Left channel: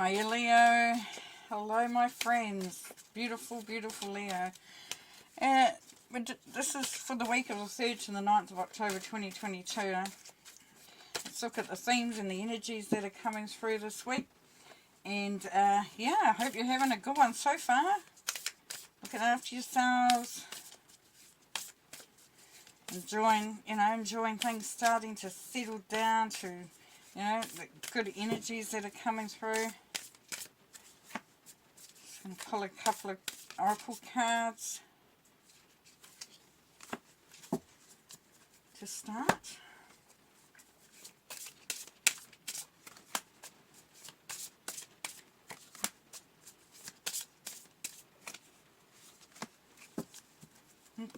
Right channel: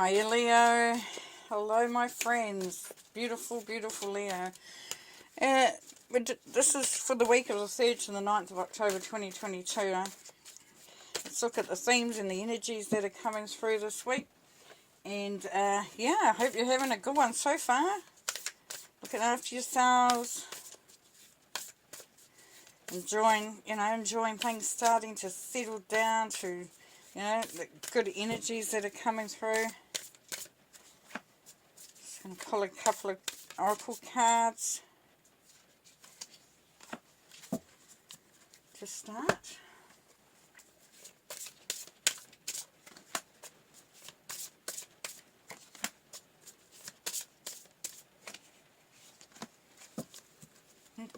Hiya Leo, hello my friends, beautiful, beautiful Leo. This is for the week of the 3rd to the 9th of October 2022. Let's look at the themes and the energies that are coming through this week. And yeah, I hope you're having a good one so far. Looking after yourselves. Enjoying things starting to settle down to, the good energies that are coming through. Just going to pull a couple of oracle cards to start.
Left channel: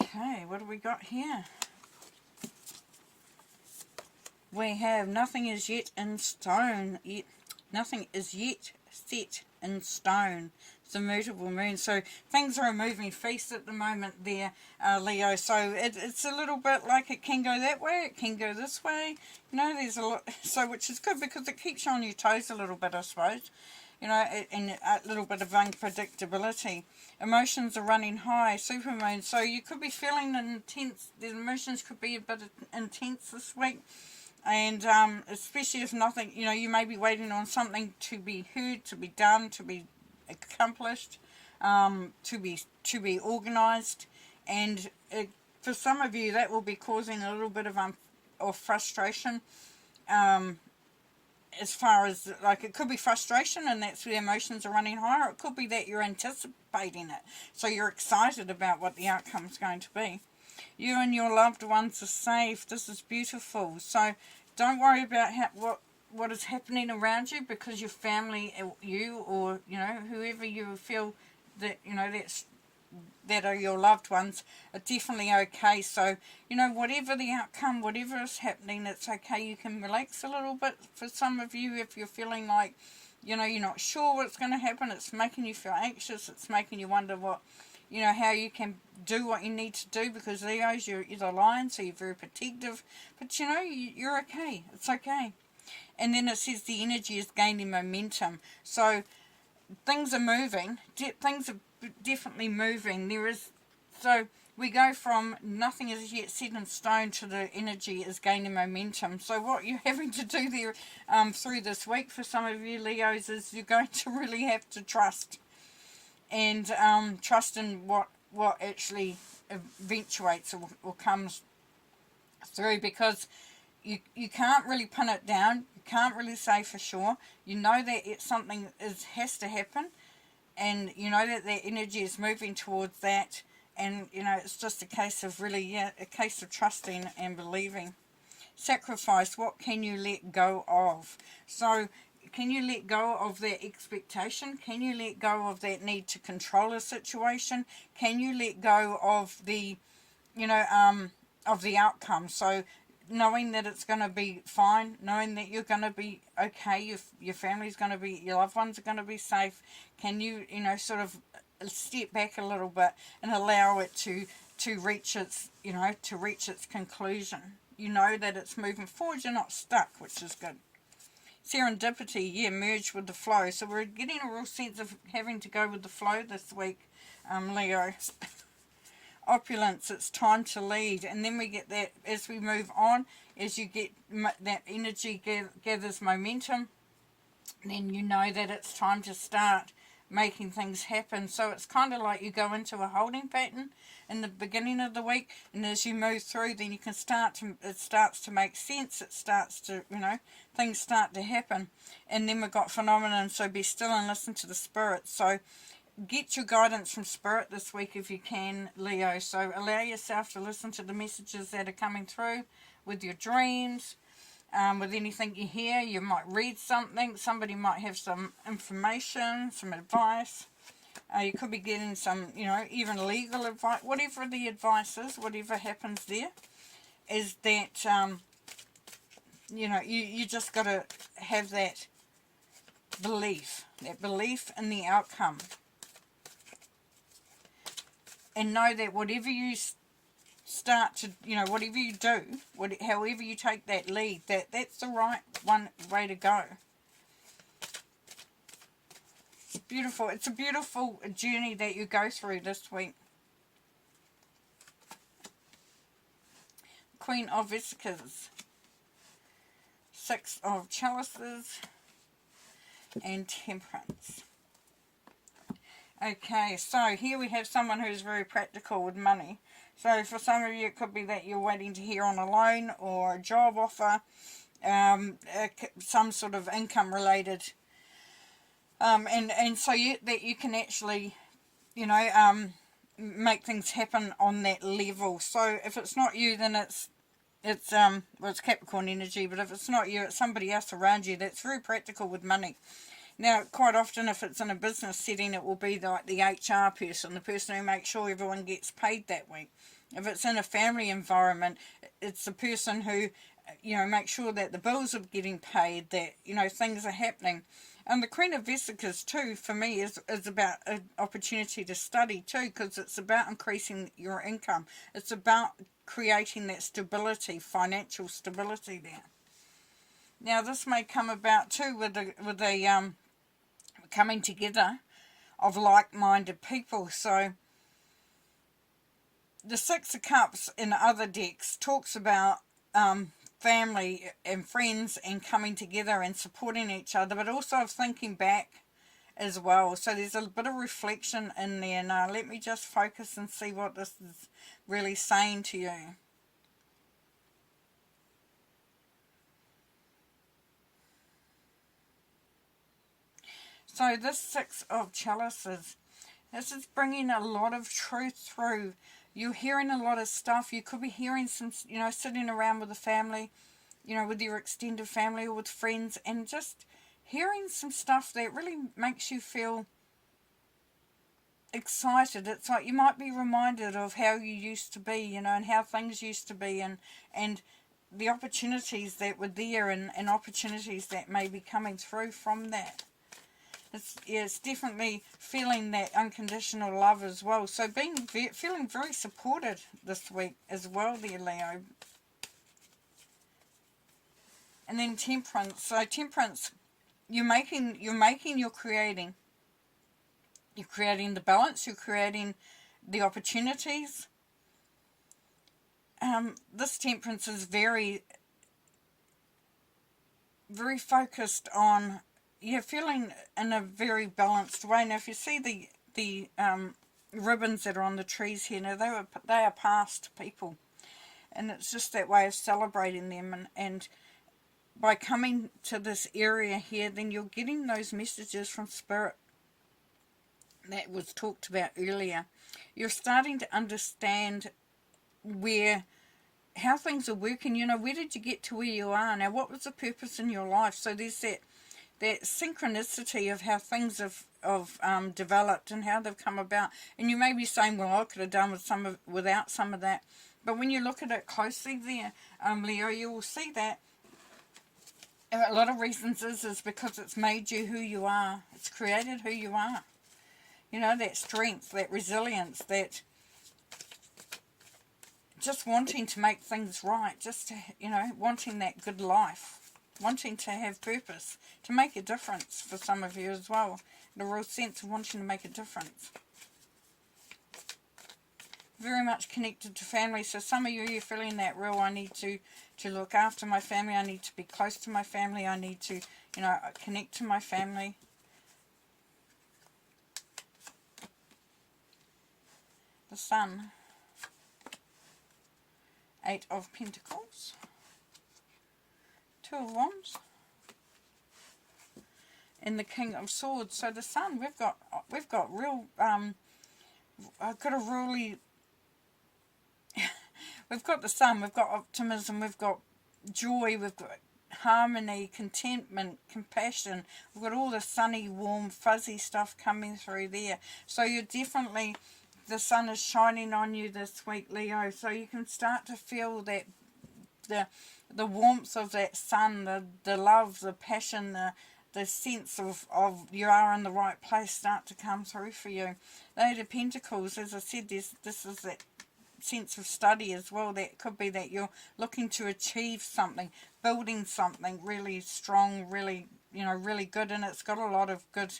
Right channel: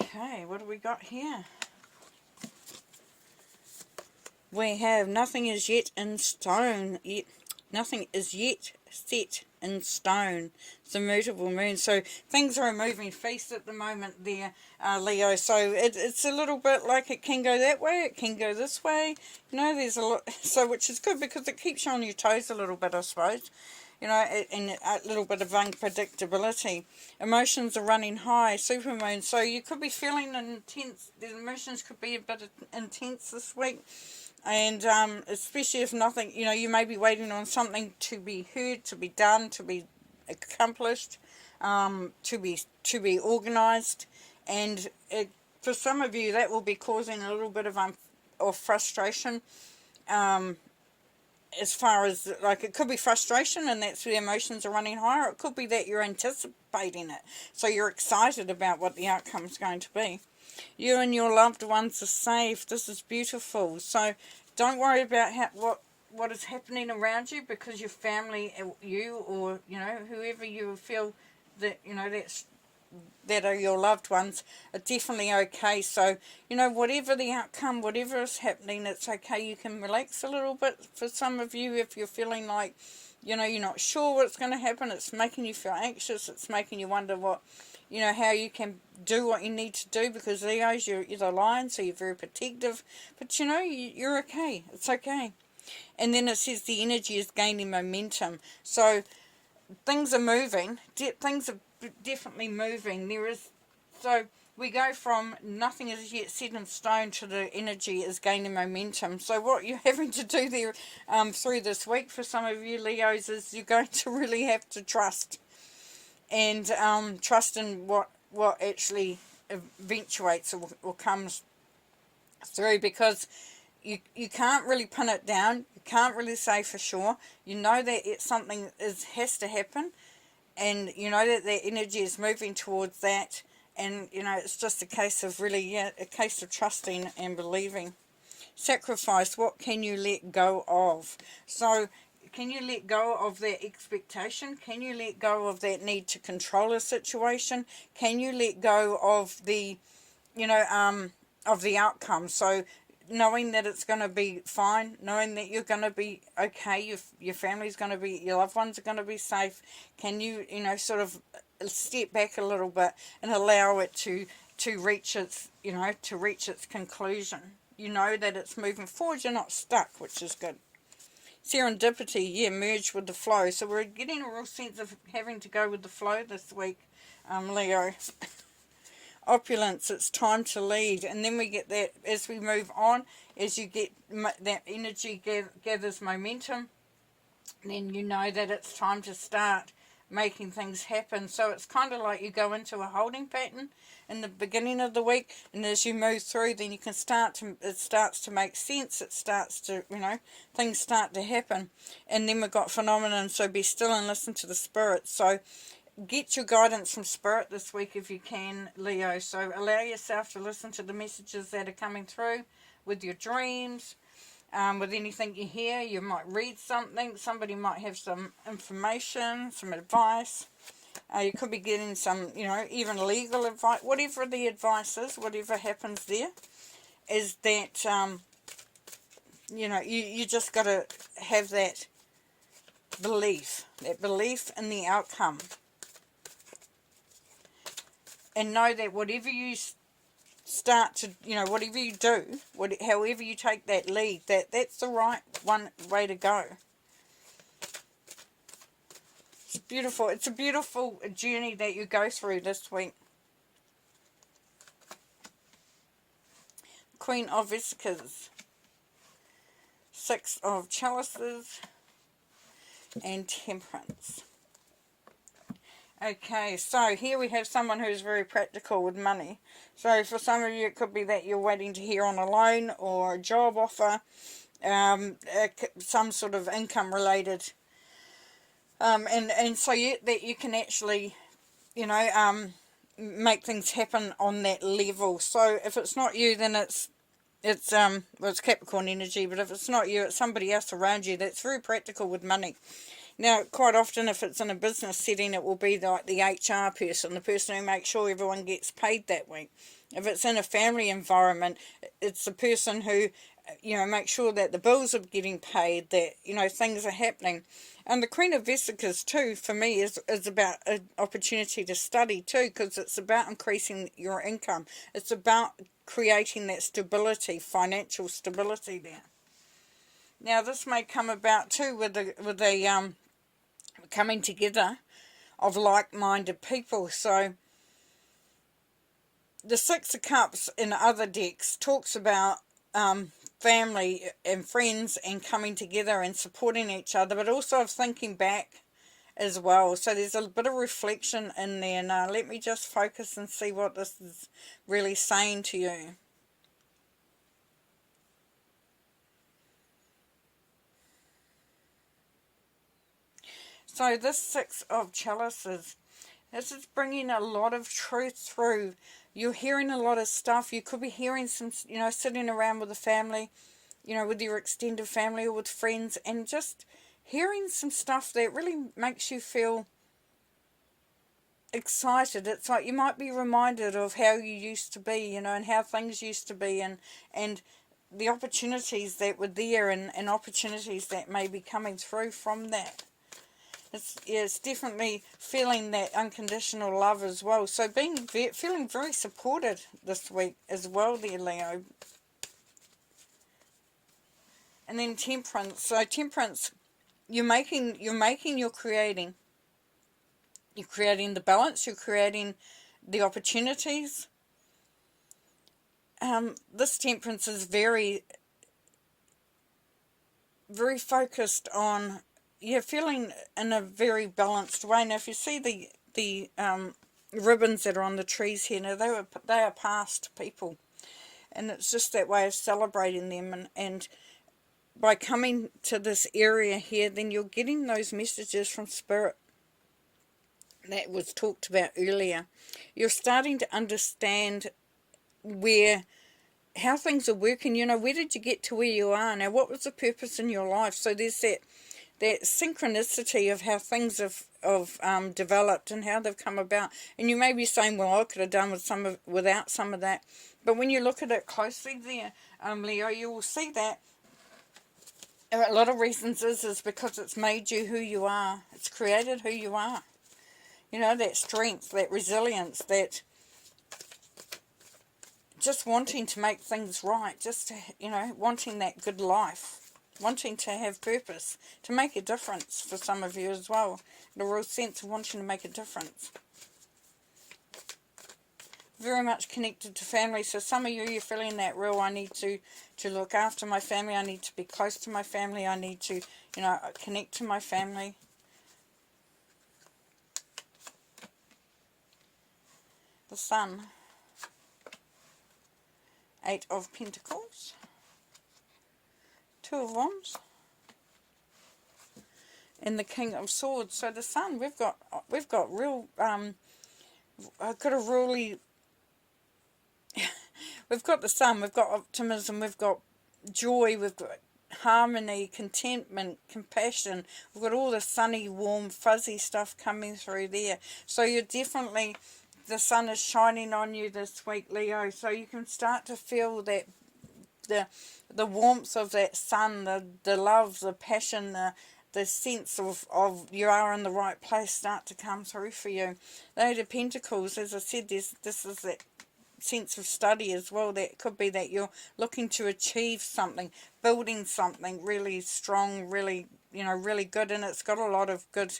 Okay, what do we got here? We have nothing is yet in stone. Nothing is yet set in stone. It's a mutable moon. So things are a moving feast at the moment there, Leo. So it's a little bit like it can go that way, it can go this way. There's a lot, so which is good because it keeps you on your toes a little bit, I suppose. And a little bit of unpredictability. Emotions are running high, supermoon. So you could be feeling intense. The emotions could be a bit intense this week. And especially if nothing, you may be waiting on something to be heard, to be done, to be accomplished, to be organised. And for some of you, that will be causing a little bit of frustration. As far as, it could be frustration and that's where the emotions are running higher. It could be that you're anticipating it. So you're excited about what the outcome is going to be. You and your loved ones are safe. This is beautiful. So don't worry about what is happening around you, because your family, you or, whoever you feel that, that are your loved ones are definitely okay. So, whatever the outcome, whatever is happening, it's okay. You can relax a little bit. For some of you, if you're feeling like, you're not sure what's going to happen, it's making you feel anxious, it's making you wonder what, how you can do what you need to do, because Leos, you're the lion, so you're very protective. But, you're okay. It's okay. And then it says the energy is gaining momentum. So things are moving. Things are definitely moving. So we go from nothing is yet set in stone to the energy is gaining momentum. So what you're having to do there through this week for some of you Leos is you're going to really have to trust. And trust in what actually eventuates or comes through, because you can't really pin it down. You can't really say for sure. You know that something has to happen, and you know that the energy is moving towards that, and it's just a case of really, a case of trusting and believing. Sacrifice, what can you let go of? So can you let go of that expectation? Can you let go of that need to control a situation? Can you let go of the, of the outcome? So knowing that it's going to be fine, knowing that you're going to be okay, your family's going to be, your loved ones are going to be safe. Can you, sort of step back a little bit and allow it to reach its, to reach its conclusion? You know that it's moving forward, you're not stuck, which is good. Serendipity, merge with the flow. So we're getting a real sense of having to go with the flow this week, Leo. Opulence, it's time to lead. And then we get that as we move on, as you get that energy gathers momentum, then you know that it's time to start making things happen. So it's kind of like you go into a holding pattern in the beginning of the week, and as you move through, then you can it starts to make sense. It starts to, things start to happen. And then we've got phenomenon, so be still and listen to the spirit. So get your guidance from spirit this week if you can, Leo. So allow yourself to listen to the messages that are coming through with your dreams, with anything you hear. You might read something. Somebody might have some information, some advice. You could be getting some, even legal advice. Whatever the advice is, whatever happens there, is that, you just got to have that belief in the outcome. And know that whatever you start to, whatever you do, however you take that lead, that's the right way to go. It's beautiful. It's a beautiful journey that you go through this week. Queen of Vesicles, Six of Chalices, and Temperance. Okay, so here we have someone who's very practical with money. So for some of you, it could be that you're waiting to hear on a loan or a job offer, some sort of income related, and so that you can actually, you know, make things happen on that level. So if it's not you, then it's Capricorn energy, but if it's not you, it's somebody else around you that's very practical with money. Now, quite often, if it's in a business setting, it will be like the HR person, the person who makes sure everyone gets paid that week. If it's in a family environment, it's the person who, you know, makes sure that the bills are getting paid, that, you know, things are happening. And the Queen of Vesicles, too, for me, is about an opportunity to study, too, because it's about increasing your income. It's about creating that stability, financial stability there. Now, this may come about, too, with a coming together of like-minded people. So the Six of Cups in other decks talks about family and friends and coming together and supporting each other, but also of thinking back as well. So there's a bit of reflection in there. Now let me just focus and see what this is really saying to you. So this Six of Chalices, this is bringing a lot of truth through. You're hearing a lot of stuff. You could be hearing some, you know, sitting around with the family, you know, with your extended family or with friends, and just hearing some stuff that really makes you feel excited. It's like you might be reminded of how you used to be, you know, and how things used to be, and the opportunities that were there, and opportunities that may be coming through from that. It's definitely feeling that unconditional love as well. So feeling very supported this week as well there, Leo. And then Temperance. So Temperance, you're creating. You're creating the balance. You're creating the opportunities. This Temperance is very, very focused on, you're feeling in a very balanced way. Now, if you see the ribbons that are on the trees here, now they are past people, and it's just that way of celebrating them. And by coming to this area here, then you're getting those messages from Spirit that was talked about earlier. You're starting to understand how things are working. You know, where did you get to where you are now? What was the purpose in your life? So there's that synchronicity of how things have developed and how they've come about. And you may be saying, well, I could have done without some of that. But when you look at it closely there, Leo, you will see that a lot of reasons is because it's made you who you are. It's created who you are. You know, that strength, that resilience, that just wanting to make things right, just, you know, wanting that good life. Wanting to have purpose, to make a difference for some of you as well. The real sense of wanting to make a difference. Very much connected to family. So some of you, you're feeling that real, I need to look after my family. I need to be close to my family. I need to, you know, connect to my family. The Sun. Eight of Pentacles. Two of Wands, and the King of Swords. So the Sun, we've got real, I've got a really, we've got the Sun, we've got optimism, we've got joy, we've got harmony, contentment, compassion. We've got all the sunny, warm, fuzzy stuff coming through there. So you're definitely, the sun is shining on you this week, Leo. So you can start to feel that the warmth of that sun, the love, the passion, the sense of you are in the right place start to come through for you. The Eight of Pentacles, as I said, this is that sense of study as well. That could be that you're looking to achieve something, building something really strong, really, you know, really good, and it's got a lot of good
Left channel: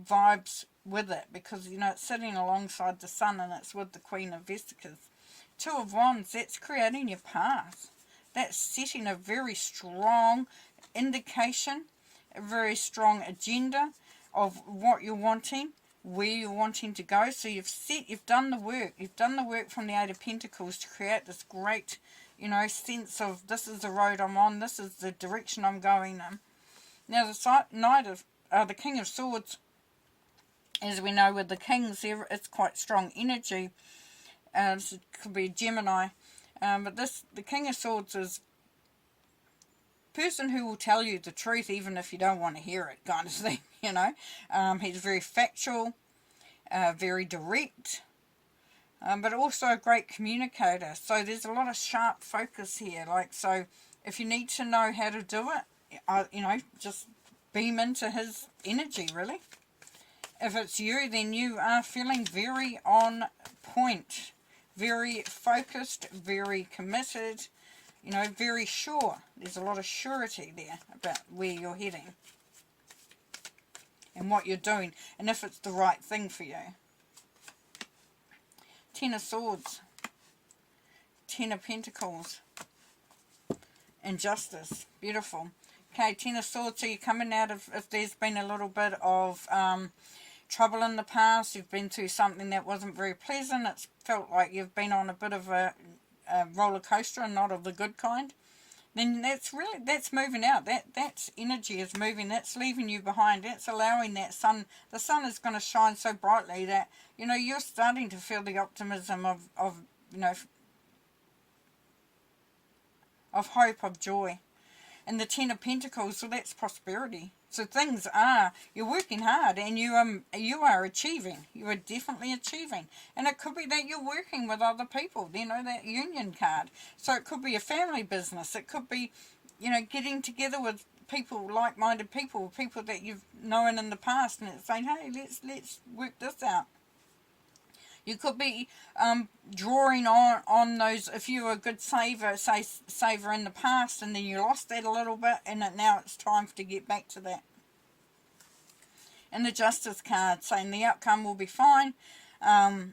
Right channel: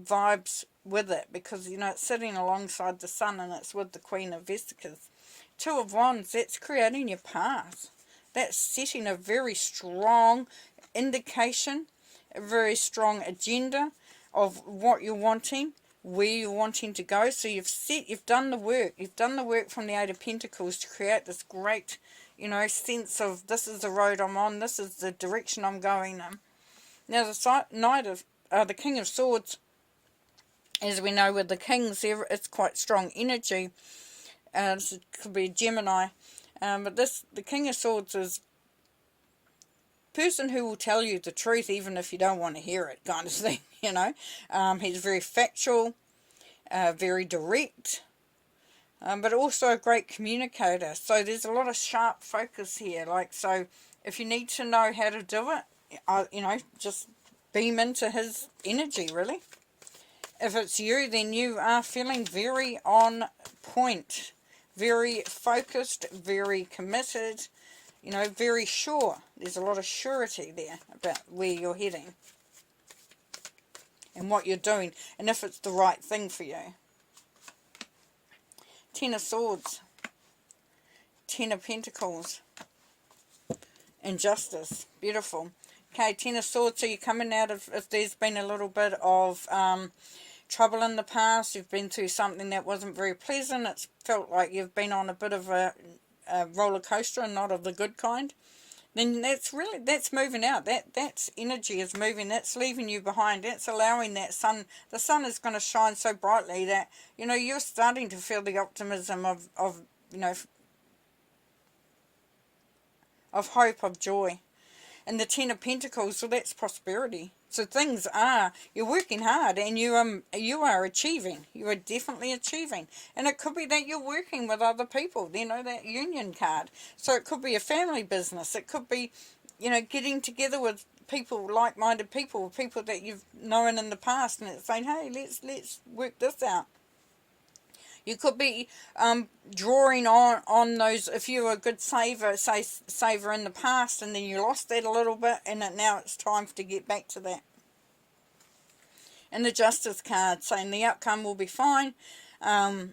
vibes with it, because, you know, it's sitting alongside the sun and it's with the Queen of Vesicles. Two of Wands, that's creating your path. That's setting a very strong indication, a very strong agenda of what you're wanting, where you're wanting to go. So you've done the work. You've done the work from the Eight of Pentacles to create this great, you know, sense of this is the road I'm on, this is the direction I'm going in. Now the King of Swords, as we know with the Kings, it's quite strong energy. This could be a Gemini. But the King of Swords is person who will tell you the truth even if you don't want to hear it, kind of thing, you know. He's very factual, very direct, but also a great communicator. So there's a lot of sharp focus here. Like, so if you need to know how to do it, you know, just beam into his energy, really. If it's you, then you are feeling very on point, very focused, very committed, you know, very sure. There's a lot of surety there about where you're heading and what you're doing, and if it's the right thing for you. Ten of Swords, Ten of Pentacles, and Justice. Beautiful. Okay, Ten of Swords, so you're coming out of, if there's been a little bit of trouble in the past, you've been through something that wasn't very pleasant, it's felt like you've been on a bit of a roller coaster and not of the good kind, then that's moving out. That's energy is moving, that's leaving you behind, that's allowing that sun, the sun is going to shine so brightly that, you know, you're starting to feel the optimism of you know, of hope, of joy. And the Ten of Pentacles, so that's prosperity. So things are, you're working hard and you are achieving. You are definitely achieving. And it could be that you're working with other people, you know, that union card. So it could be a family business. It could be, you know, getting together with people, like-minded people, people that you've known in the past, and it's saying, hey, let's work this out. You could be drawing on those, if you were a good saver in the past, and then you lost that a little bit, and now it's time to get back to that. And the Justice card saying the outcome will be fine. You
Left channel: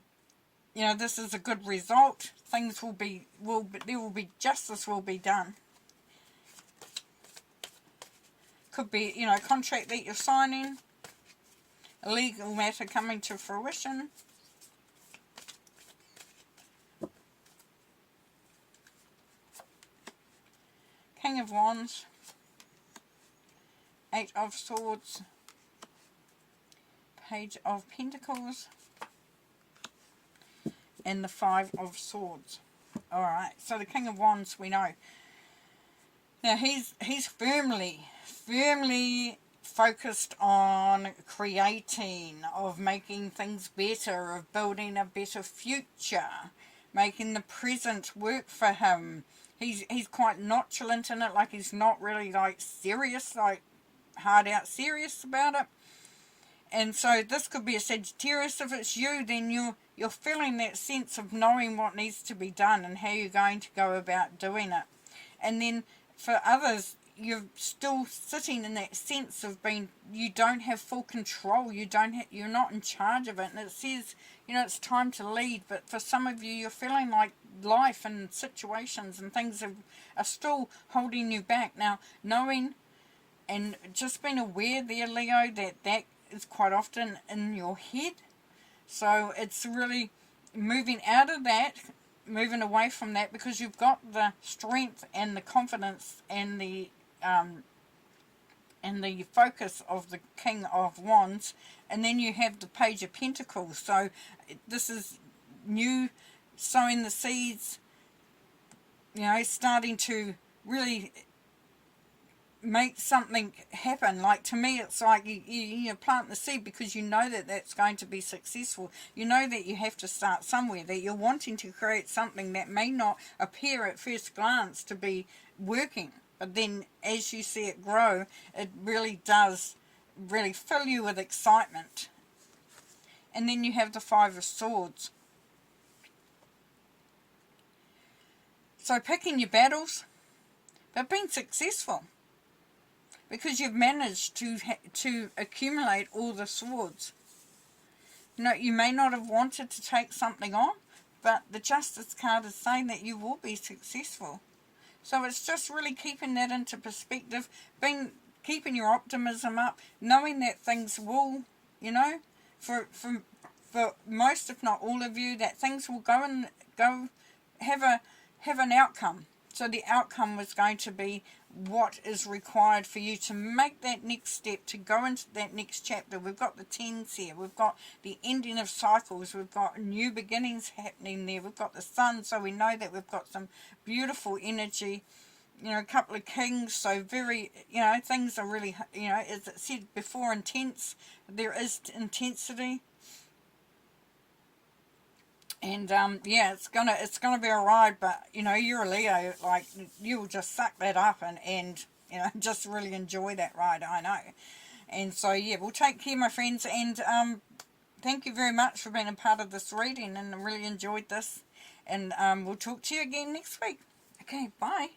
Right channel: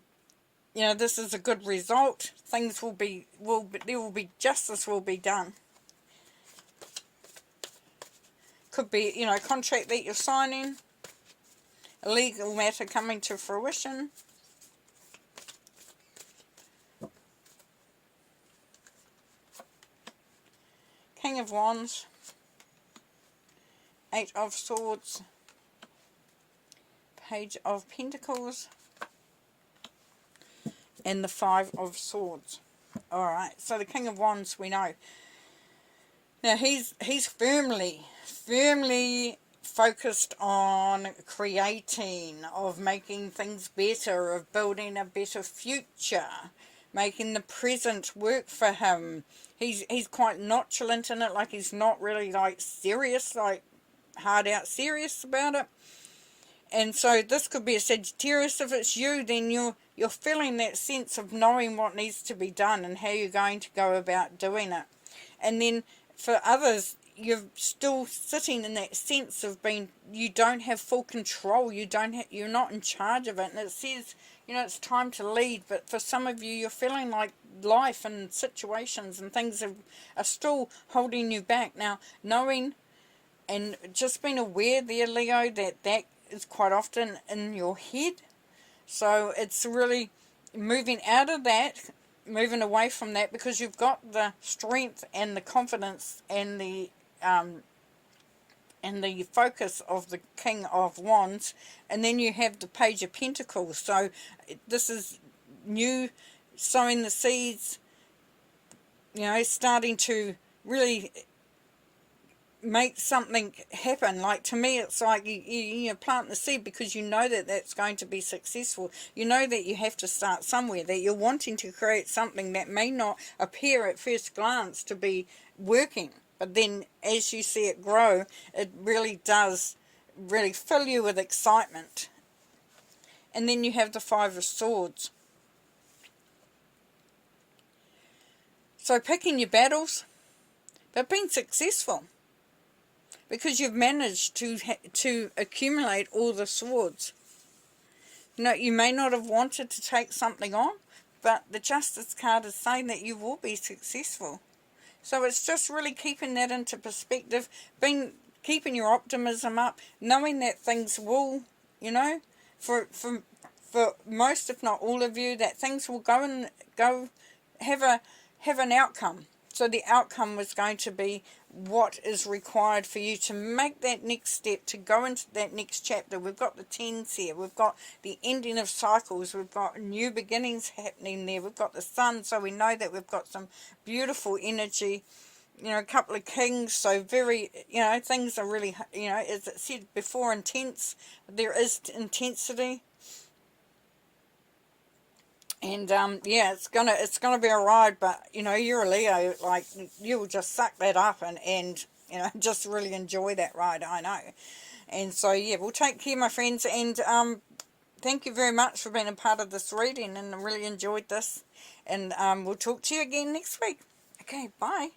know, this is a good result. Things there will be justice will be done. Could be, you know, a contract that you're signing, a legal matter coming to fruition. King of Wands, Eight of Swords, Page of Pentacles, and the Five of Swords. Alright, so the King of Wands, we know. Now he's firmly focused on creating, of making things better, of building a better future, making the present work for him. He's quite nonchalant in it, like he's not really like serious, like hard out serious about it. And so this could be a Sagittarius. If it's you, then you're feeling that sense of knowing what needs to be done and how you're going to go about doing it. And then for others, you're still sitting in that sense of being, you don't have full control, you're not in charge of it, and it says, you know, it's time to lead. But for some of you, you're feeling like life and situations and things are still holding you back. Now, knowing and just being aware there, Leo, that is quite often in your head. So it's really moving out of that, moving away from that, because you've got the strength and the confidence and the focus of the King of Wands, and then you have the Page of Pentacles. So this is new, sowing the seeds, you know, starting to really make something happen. Like, to me, it's like you plant the seed because you know that that's going to be successful. You know that you have to start somewhere, that you're wanting to create something that may not appear at first glance to be working, but then as you see it grow, it really does really fill you with excitement. And then you have the Five of Swords. So picking your battles, but being successful. because you've managed to accumulate all the swords. You know, you may not have wanted to take something on, but the Justice card is saying that you will be successful. So it's just really keeping that into perspective, keeping your optimism up, knowing that things will, you know, for most, if not all of you, that things will go have an outcome. So the outcome was going to be what is required for you to make that next step, to go into that next chapter. We've got the tens here. We've got the ending of cycles. We've got new beginnings happening there. We've got the sun, so we know that we've got some beautiful energy. You know, a couple of kings, so very, you know, things are really, you know, as it said before, intense. There is intensity. And yeah, it's gonna be a ride, but you know, you're a Leo, like you'll just suck that up and you know, just really enjoy that ride, I know. And so yeah, we'll take care, my friends, and thank you very much for being a part of this reading, and I really enjoyed this. And we'll talk to you again next week. Okay, bye.